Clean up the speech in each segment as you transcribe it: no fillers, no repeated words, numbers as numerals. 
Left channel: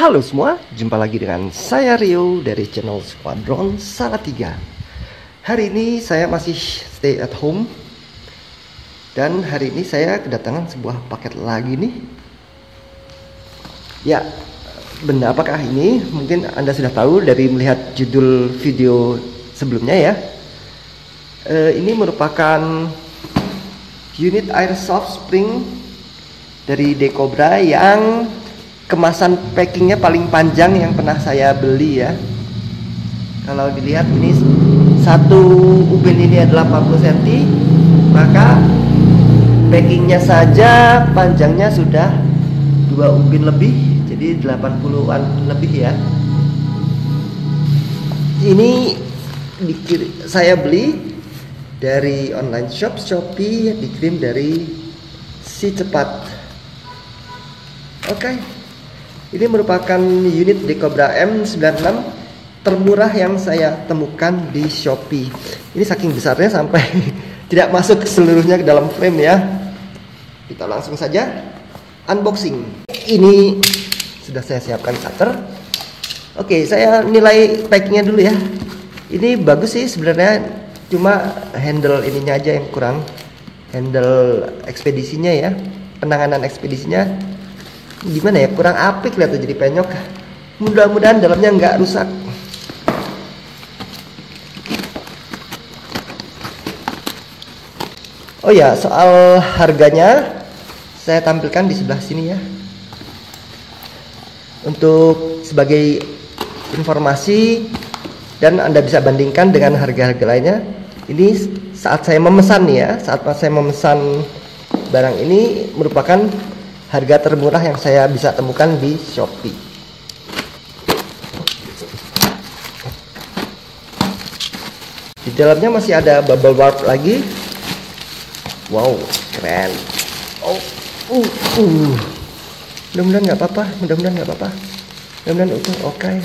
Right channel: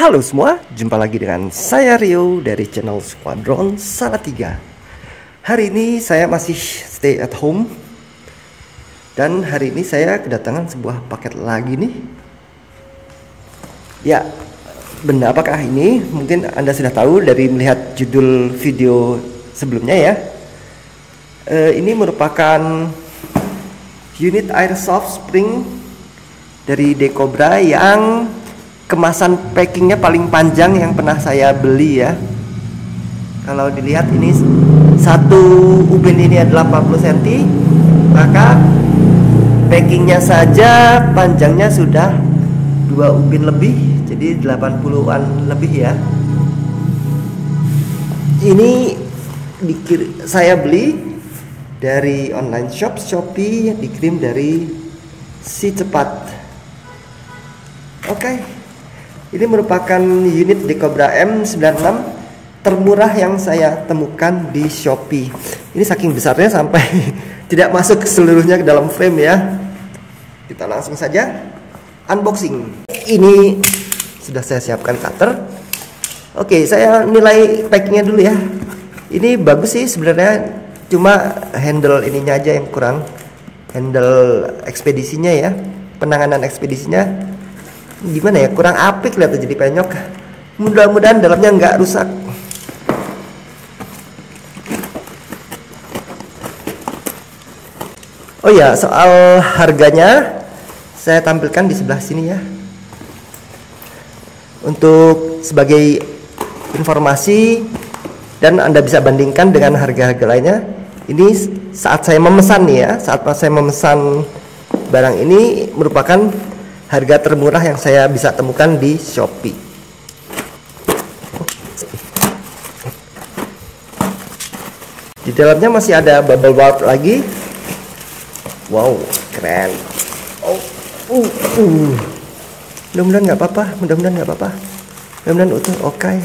Halo semua, jumpa lagi dengan saya Rio dari channel Squadron Salatiga. Hari ini saya masih stay at home. Dan hari ini saya kedatangan sebuah paket lagi nih. Ya, benar apakah ini? Mungkin Anda sudah tahu dari melihat judul video sebelumnya ya. Ini merupakan unit airsoft spring dari Decobra yang kemasan packingnya paling panjang yang pernah saya beli ya. Kalau dilihat ini satu ubin ini adalah 40 cm, maka packingnya saja panjangnya sudah 2 ubin lebih, jadi 80-an lebih ya. Ini saya beli dari online shop Shopee, dikirim dari Si Cepat. Oke. Ini merupakan unit Decobra M96 termurah yang saya temukan di Shopee. Ini saking besarnya sampai tidak masuk seluruhnya ke dalam frame ya. Kita langsung saja unboxing. Ini sudah saya siapkan cutter. Oke, saya nilai packingnya dulu ya. Ini bagus sih sebenarnya, cuma handle ininya aja yang kurang. Handle ekspedisinya ya, penanganan ekspedisinya gimana ya, kurang apik lah tuh, jadi penyok. Mudah-mudahan dalamnya nggak rusak. Oh ya, soal harganya saya tampilkan di sebelah sini ya, untuk sebagai informasi dan Anda bisa bandingkan dengan harga-harga lainnya. Ini saat saya memesan nih ya, saat saya memesan barang ini merupakan harga termurah yang saya bisa temukan di Shopee. Di dalamnya masih ada bubble wrap lagi. Wow, keren. Mudah-mudahan nggak apa-apa. Mudah-mudahan utuh. Oke.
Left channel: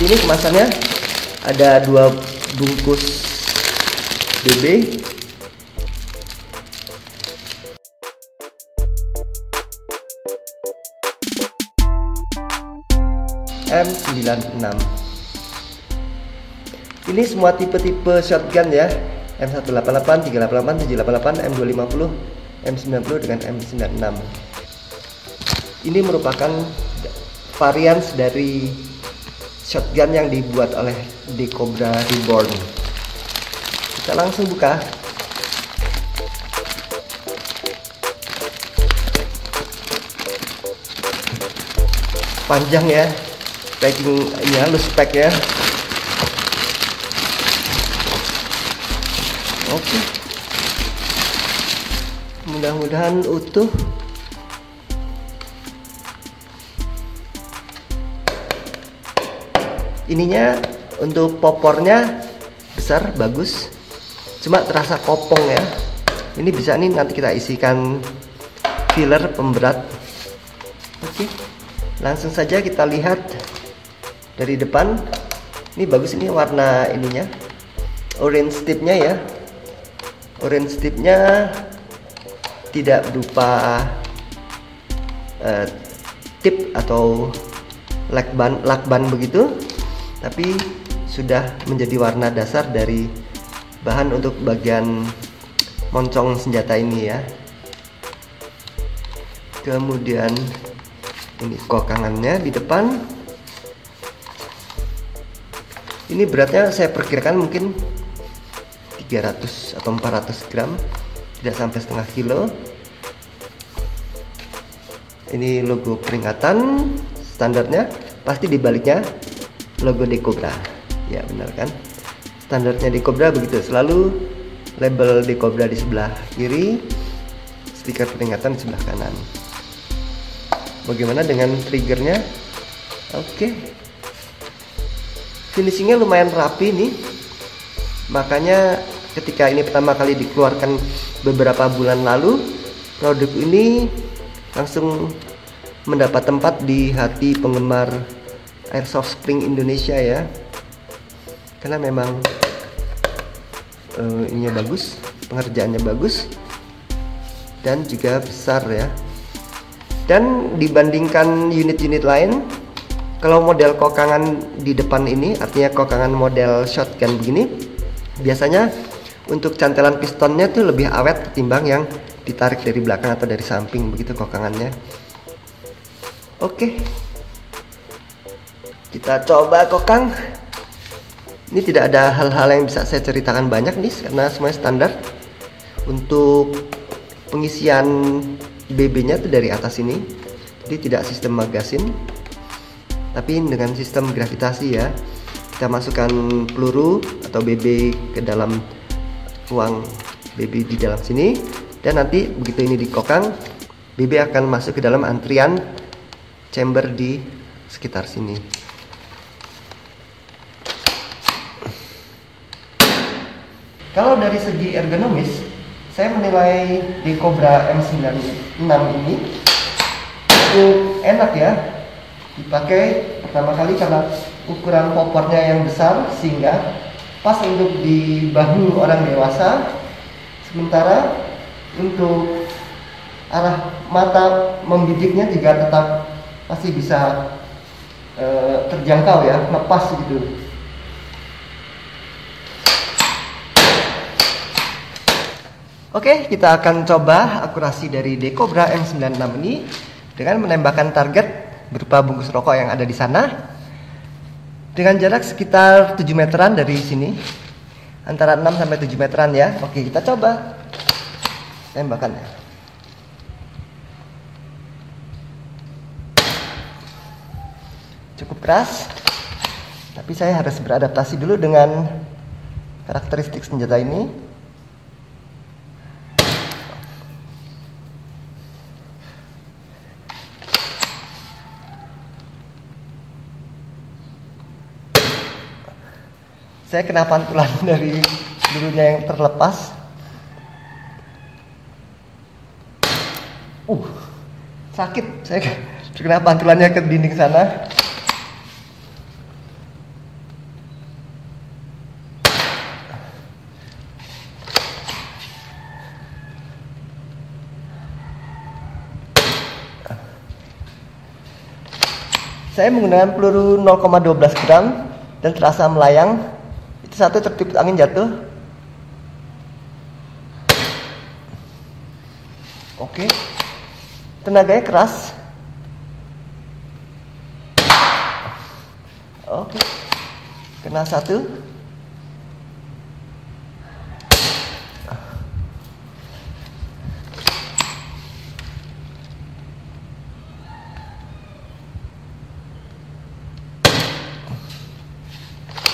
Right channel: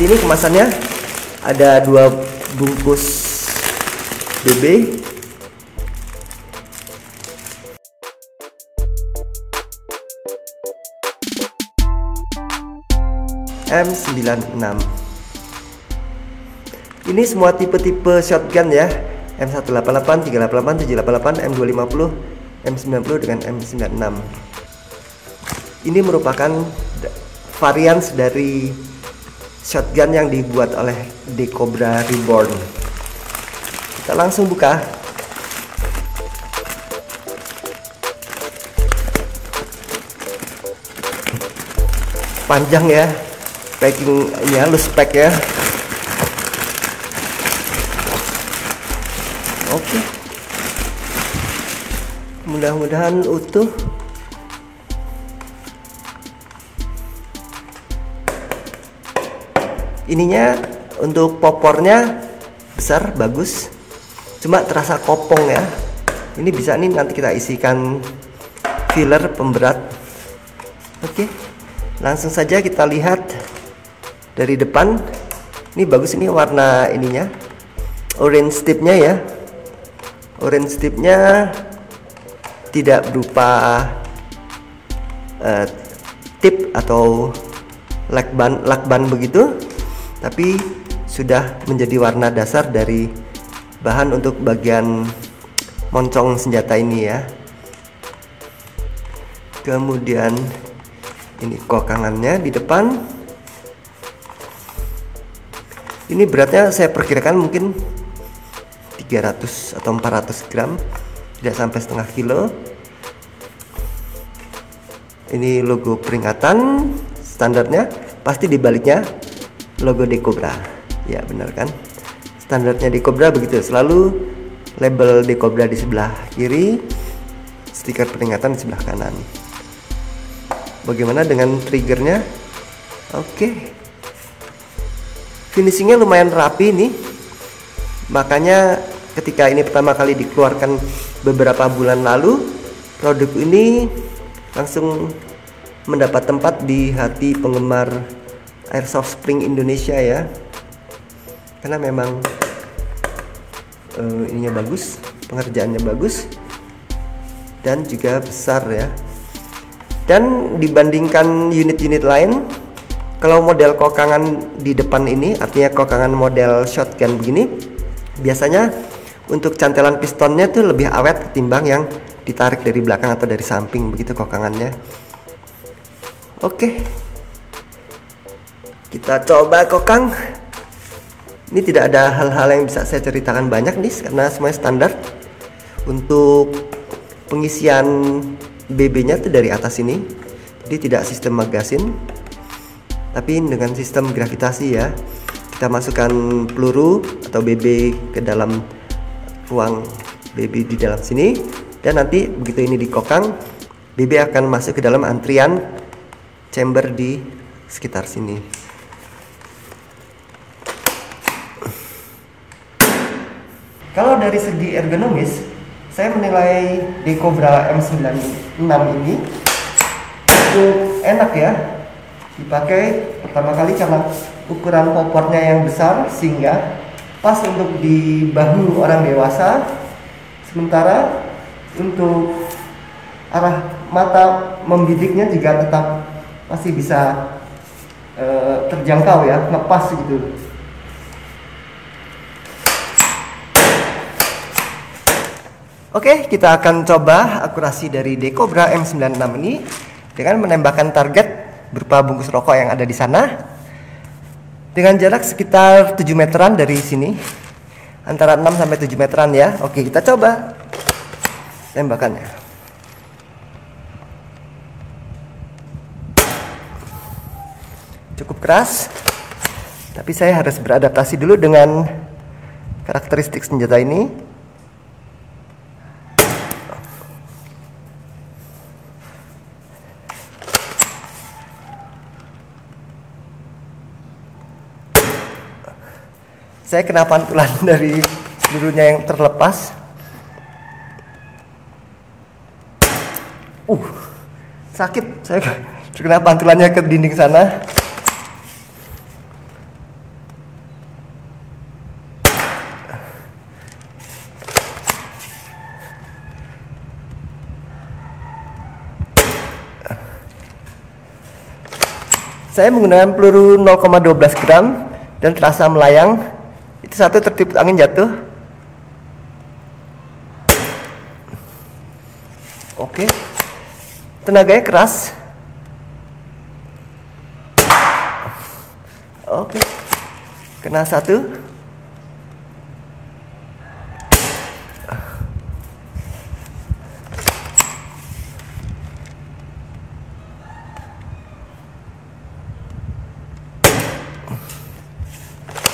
Ini kemasannya ada 2 bungkus BB. M96. Ini semua tipe-tipe shotgun ya. M188, 388, 788, M250, M90 dengan M96. Ini merupakan varian dari shotgun yang dibuat oleh Decobra Reborn. Kita langsung buka. Panjang ya, packingnya halus pack ya. Oke, mudah-mudahan utuh. Ininya untuk popornya besar, bagus, cuma terasa kopong ya. Ini bisa nih nanti kita isikan filler pemberat. Oke, langsung saja kita lihat dari depan. Ini bagus, ini warna ininya orange tipnya ya. Orange tipnya tidak berupa tip atau lakban begitu, tapi sudah menjadi warna dasar dari bahan untuk bagian moncong senjata ini ya. Kemudian ini kokangannya di depan. Ini beratnya saya perkirakan mungkin 300 atau 400 gram, tidak sampai setengah kilo. Ini logo peringatan standarnya, pasti di baliknya logo Decobra. Ya benar kan? Standarnya Decobra begitu, selalu label Decobra di sebelah kiri, stiker peringatan di sebelah kanan. Bagaimana dengan triggernya? Oke. Finishingnya lumayan rapi nih. Makanya ketika ini pertama kali dikeluarkan beberapa bulan lalu, produk ini langsung mendapat tempat di hati penggemar Airsoft Spring Indonesia ya, karena memang ininya bagus, pengerjaannya bagus dan juga besar ya. Dan dibandingkan unit-unit lain, kalau model kokangan di depan ini, artinya kokangan model shotgun begini, biasanya untuk cantelan pistonnya tuh lebih awet ketimbang yang ditarik dari belakang atau dari samping begitu kokangannya. Oke, kita coba kokang. Ini tidak ada hal-hal yang bisa saya ceritakan banyak nih, karena semuanya standar. Untuk pengisian BB-nya tuh dari atas ini, jadi tidak sistem magasin, tapi dengan sistem gravitasi ya. Kita masukkan peluru atau BB ke dalam ruang BB di dalam sini, dan nanti begitu ini dikokang, BB akan masuk ke dalam antrian chamber di sekitar sini. Kalau dari segi ergonomis, saya menilai di Cobra M96 ini cukup enak ya dipakai, pertama kali karena ukuran popornya yang besar sehingga pas untuk di bahu orang dewasa, sementara untuk arah mata membidiknya juga tetap masih bisa terjangkau ya, lepas gitu. Oke, kita akan coba akurasi dari Decobra M96 ini dengan menembakkan target berupa bungkus rokok yang ada di sana dengan jarak sekitar 7 meteran dari sini, antara 6 sampai 7 meteran ya. Oke, kita coba tembakannya. Cukup keras, tapi saya harus beradaptasi dulu dengan karakteristik senjata ini. Saya kena pantulan dari pelurunya yang terlepas. Sakit, saya kena pantulannya ke dinding sana. Saya menggunakan peluru 0,12 gram dan terasa melayang. Itu satu tertiup angin jatuh. Oke, tenaganya keras. Oke, kena satu.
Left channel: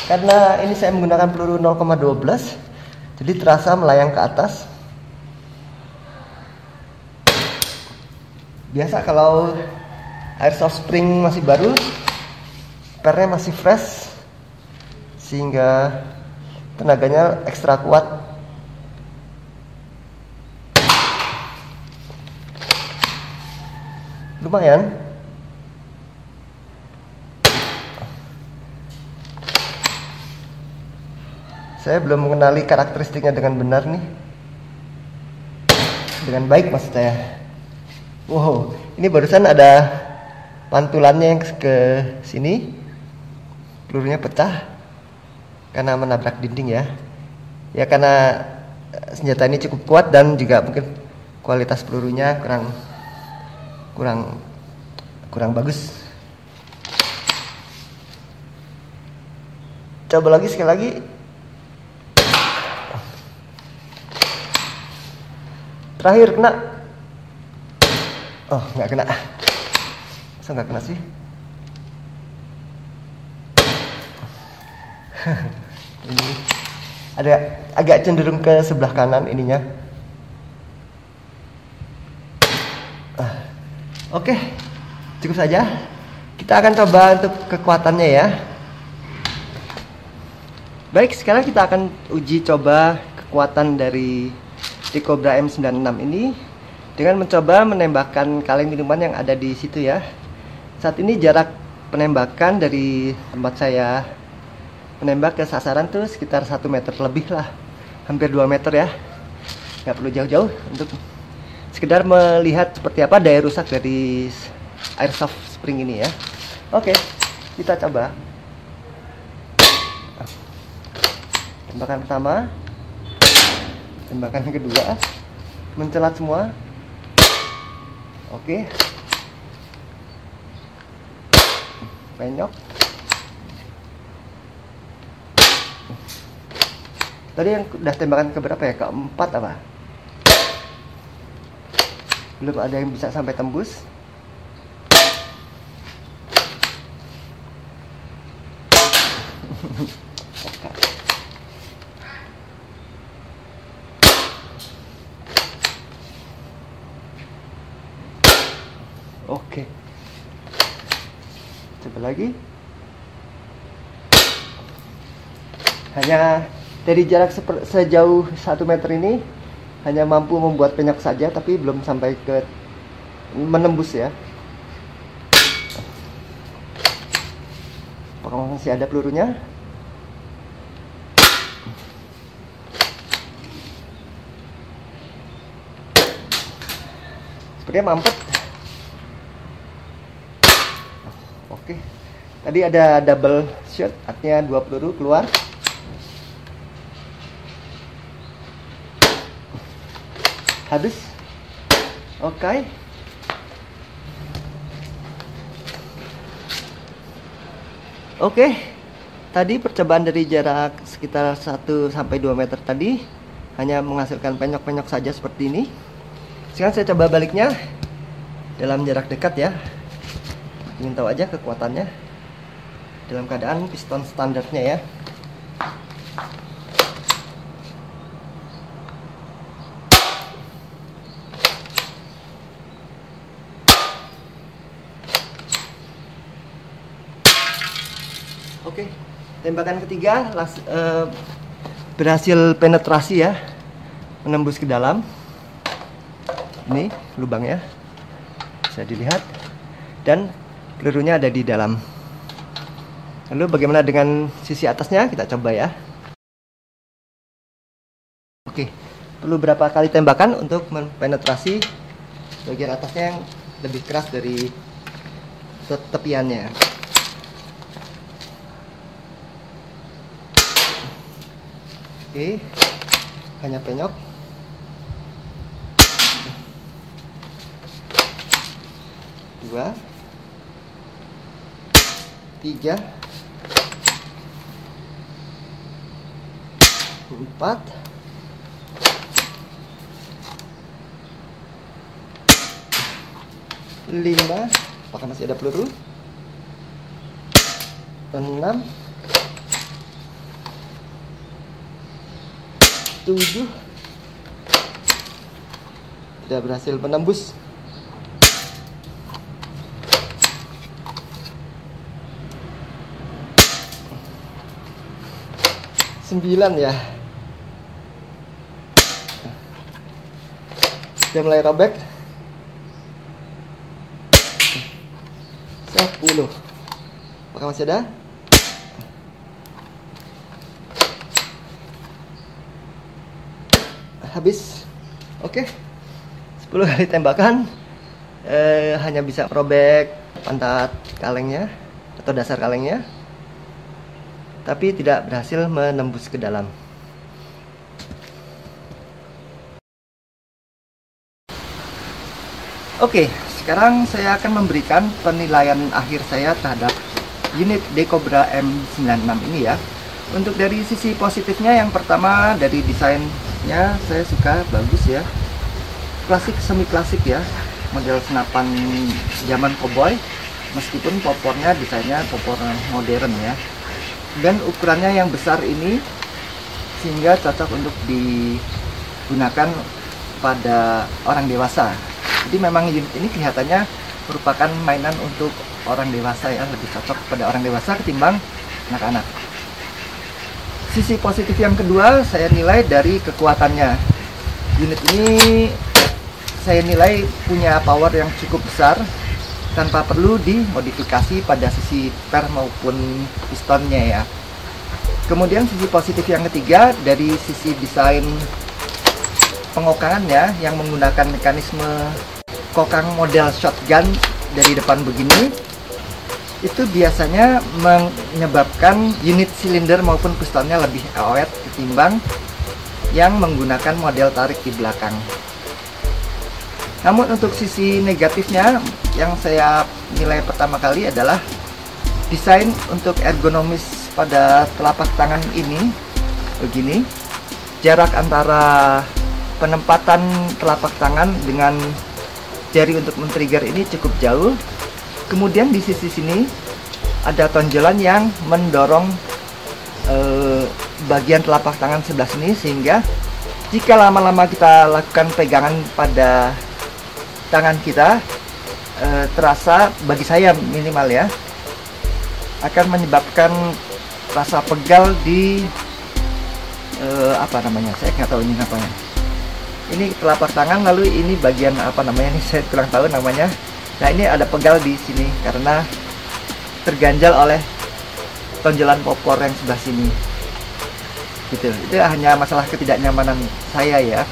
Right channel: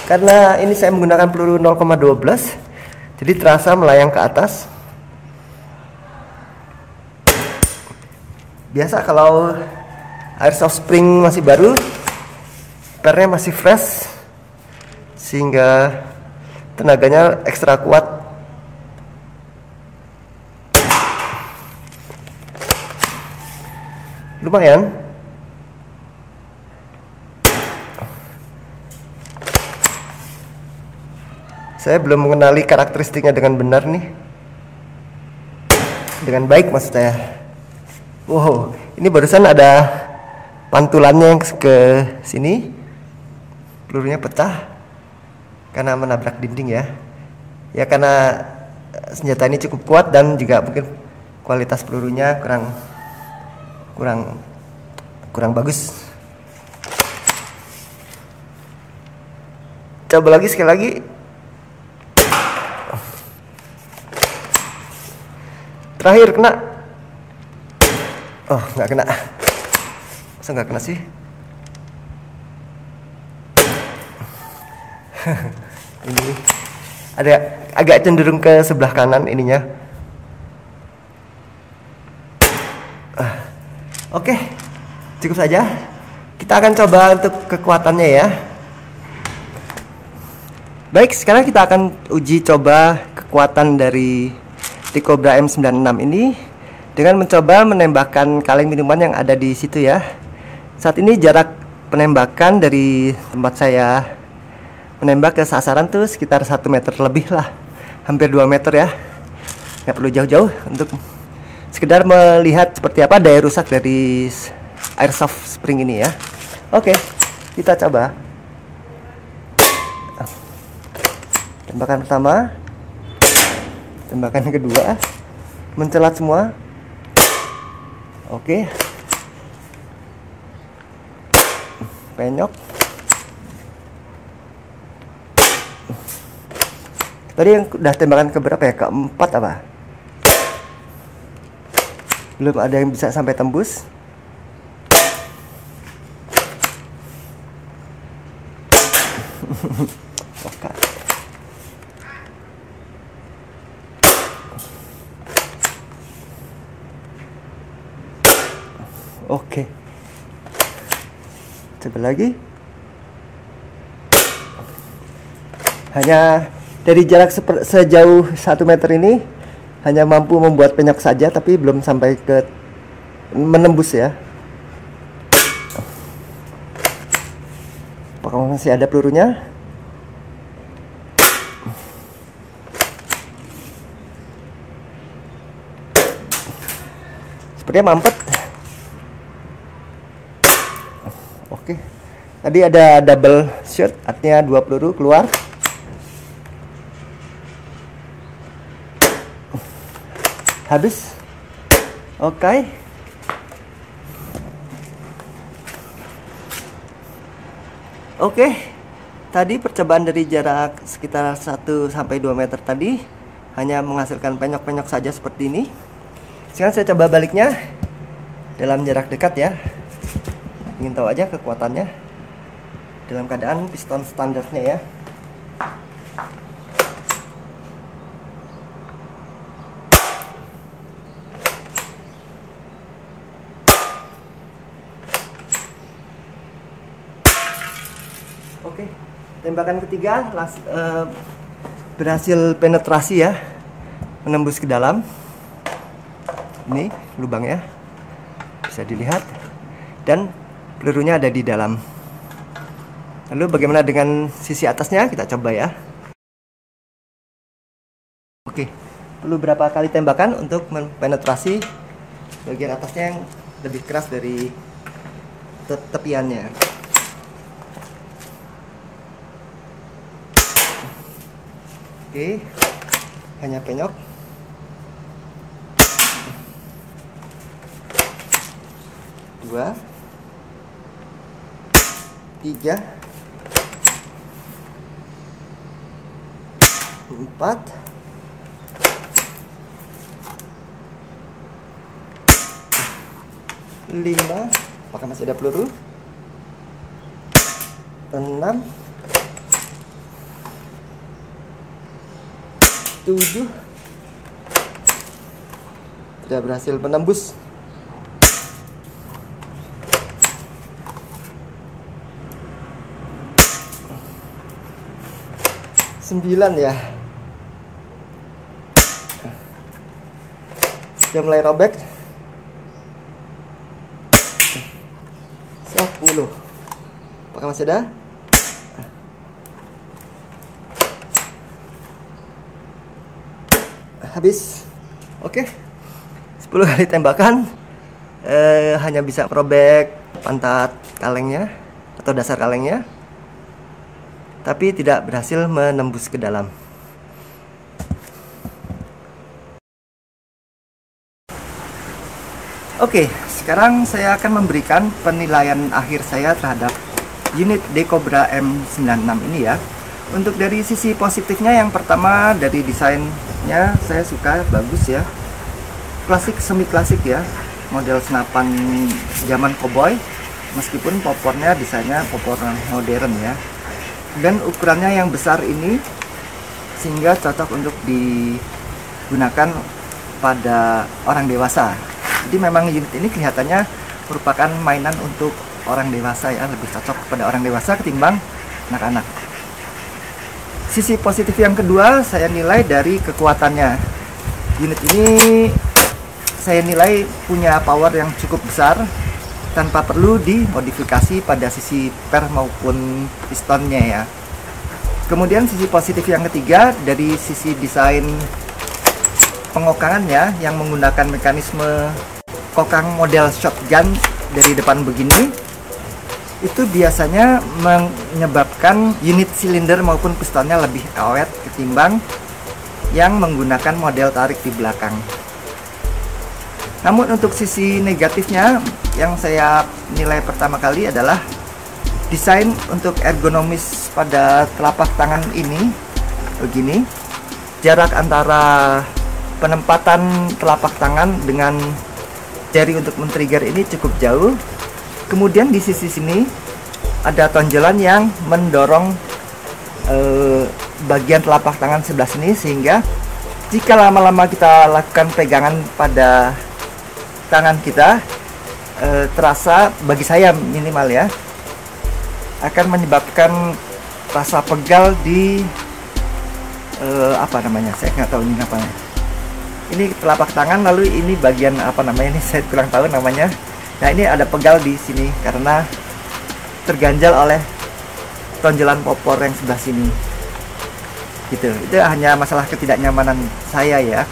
Karena ini saya menggunakan peluru 0,12, jadi terasa melayang ke atas. Biasa kalau Airsoft Spring masih baru, pernya masih fresh, sehingga tenaganya ekstra kuat. Lumayan. Saya belum mengenali karakteristiknya dengan benar nih, dengan baik maksudnya. Wow, ini barusan ada pantulannya yang ke sini, pelurunya pecah karena menabrak dinding ya. Ya karena senjata ini cukup kuat dan juga mungkin kualitas pelurunya kurang bagus. Coba lagi sekali lagi. Terakhir kena. Oh, nggak kena. Masa nggak kena sih? Ini ada agak cenderung ke sebelah kanan ininya. Oke, cukup saja. Kita akan coba untuk kekuatannya ya. Baik, sekarang kita akan uji coba kekuatan dari Decobra M96 ini dengan mencoba menembakkan kaleng minuman yang ada di situ ya. Saat ini jarak penembakan dari tempat saya menembak ke sasaran tuh sekitar 1 meter lebih lah, hampir 2 meter ya. Nggak perlu jauh-jauh untuk sekedar melihat seperti apa daya rusak dari airsoft spring ini ya. Oke, kita coba. Tembakan pertama, tembakan kedua, mencelat semua. Oke, penyok. Tadi yang udah tembakan keberapa ya? Keempat apa? Belum ada yang bisa sampai tembus. Oke. Coba lagi. Hanya dari jarak sejauh 1 meter ini hanya mampu membuat penyok saja, tapi belum sampai ke menembus ya. Apakah masih ada pelurunya? Sepertinya mampet. Oke. Tadi ada double shot, artinya 2 peluru keluar. Habis. Oke. Oke. Tadi percobaan dari jarak sekitar 1 sampai 2 meter tadi hanya menghasilkan penyok-penyok saja seperti ini. Sekarang saya coba baliknya dalam jarak dekat ya. Ingin tahu aja kekuatannya dalam keadaan piston standarnya ya. Oke, tembakan ketiga berhasil penetrasi ya, menembus ke dalam. Ini lubangnya bisa dilihat dan pelurunya ada di dalam. Lalu bagaimana dengan sisi atasnya? Kita coba ya. Oke, perlu berapa kali tembakan untuk mempenetrasi bagian atasnya yang lebih keras dari tepiannya. Oke, hanya penyok. Dua, tiga, 4, 5. Apakah masih ada peluru? 6, 7. Tidak berhasil menembus. 9 ya. Dia mulai robek. Dulu. Apakah masih ada? Habis. Oke. 10 kali tembakan hanya bisa robek pantat kalengnya atau dasar kalengnya, tapi tidak berhasil menembus ke dalam. Oke, sekarang saya akan memberikan penilaian akhir saya terhadap unit Decobra M96 ini ya. Untuk dari sisi positifnya, yang pertama dari desainnya saya suka, bagus ya. Klasik, semi klasik ya, model senapan zaman cowboy, meskipun popornya desainnya popor modern ya. Dan ukurannya yang besar ini sehingga cocok untuk digunakan pada orang dewasa. Jadi memang unit ini kelihatannya merupakan mainan untuk orang dewasa ya, lebih cocok pada orang dewasa ketimbang anak-anak. Sisi positif yang kedua saya nilai dari kekuatannya. Unit ini saya nilai punya power yang cukup besar tanpa perlu dimodifikasi pada sisi per maupun pistonnya ya. Kemudian sisi positif yang ketiga dari sisi desain pengokangannya yang menggunakan mekanisme kokang model shotgun dari depan begini, itu biasanya menyebabkan unit silinder maupun pistonnya lebih awet ketimbang yang menggunakan model tarik di belakang. Namun untuk sisi negatifnya yang saya nilai pertama kali adalah desain untuk ergonomis pada telapak tangan ini begini. Jarak antara penempatan telapak tangan dengan jari untuk men-trigger ini cukup jauh. Kemudian di sisi sini ada tonjolan yang mendorong bagian telapak tangan sebelah sini, sehingga jika lama-lama kita lakukan pegangan pada tangan kita, terasa, bagi saya minimal ya, akan menyebabkan rasa pegal di apa namanya, saya nggak tahu ini apa. Ini telapak tangan, lalu ini bagian apa namanya, ini saya kurang tahu namanya. Nah, ini ada pegal di sini karena terganjal oleh tonjolan popor yang sebelah sini. Itu hanya masalah ketidaknyamanan saya ya.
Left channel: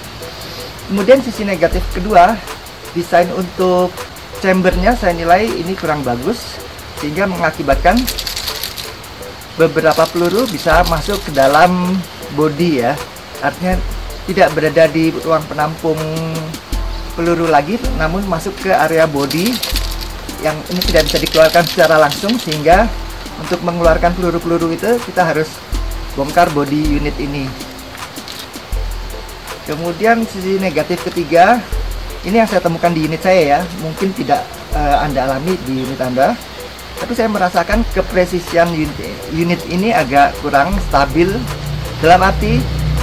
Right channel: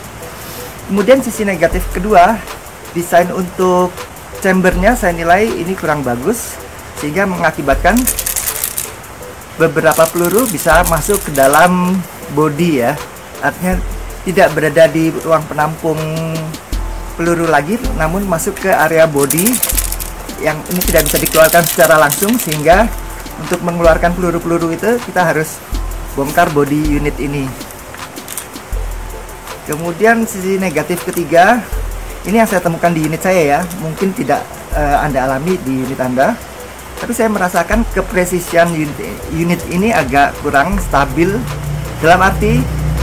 Kemudian sisi negatif kedua, desain untuk chambernya saya nilai ini kurang bagus, sehingga mengakibatkan beberapa peluru bisa masuk ke dalam bodi ya. Artinya tidak berada di ruang penampung peluru lagi, namun masuk ke area bodi yang ini tidak bisa dikeluarkan secara langsung, sehingga untuk mengeluarkan peluru-peluru itu kita harus bongkar bodi unit ini. Kemudian sisi negatif ketiga, ini yang saya temukan di unit saya ya, mungkin tidak Anda alami di unit Anda, tapi saya merasakan kepresisian unit ini agak kurang stabil, dalam arti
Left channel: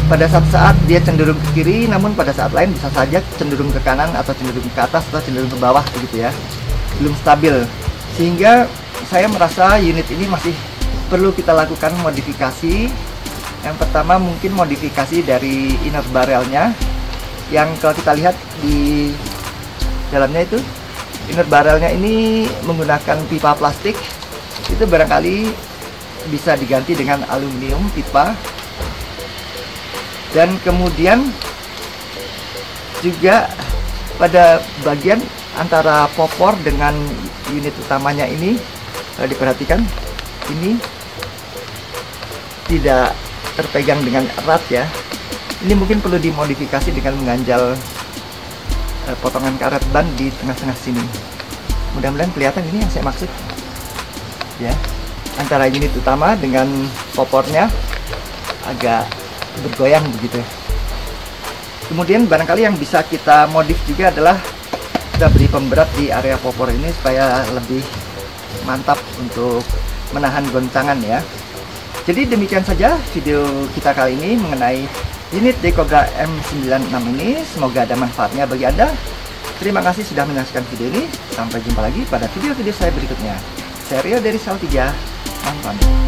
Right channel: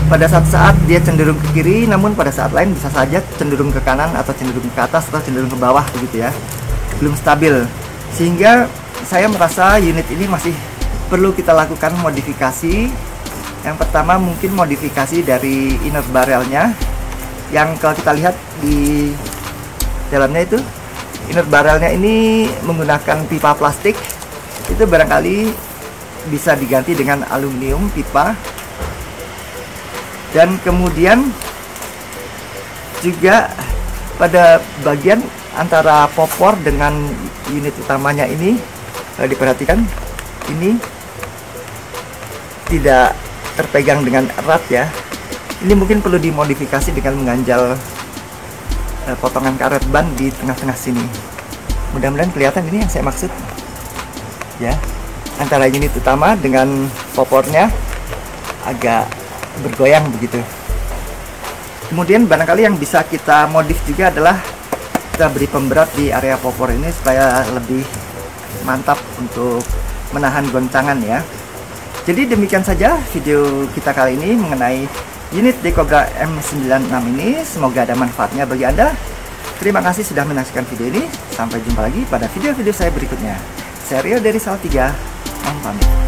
pada saat dia cenderung ke kiri, namun pada saat lain bisa saja cenderung ke kanan atau cenderung ke atas atau cenderung ke bawah begitu ya, belum stabil, sehingga saya merasa unit ini masih perlu kita lakukan modifikasi. Yang pertama mungkin modifikasi dari inner barrelnya, yang kalau kita lihat di dalamnya itu inner barrelnya ini menggunakan pipa plastik, itu barangkali bisa diganti dengan aluminium pipa. Dan kemudian juga pada bagian antara popor dengan unit utamanya ini, kalau diperhatikan ini tidak terpegang dengan erat ya. Ini mungkin perlu dimodifikasi dengan mengganjal potongan karet ban di tengah-tengah sini. Mudah-mudahan kelihatan ini yang saya maksud ya, antara unit utama dengan popornya agak bergoyang begitu. Kemudian barangkali yang bisa kita modif juga adalah kita beri pemberat di area popor ini supaya lebih mantap untuk menahan goncangan ya. Jadi demikian saja video kita kali ini mengenai unit Decobra M96 ini. Semoga ada manfaatnya bagi Anda. Terima kasih sudah menyaksikan video ini. Sampai jumpa lagi pada video-video saya berikutnya. Saya Rio dari Salatiga. Sampai.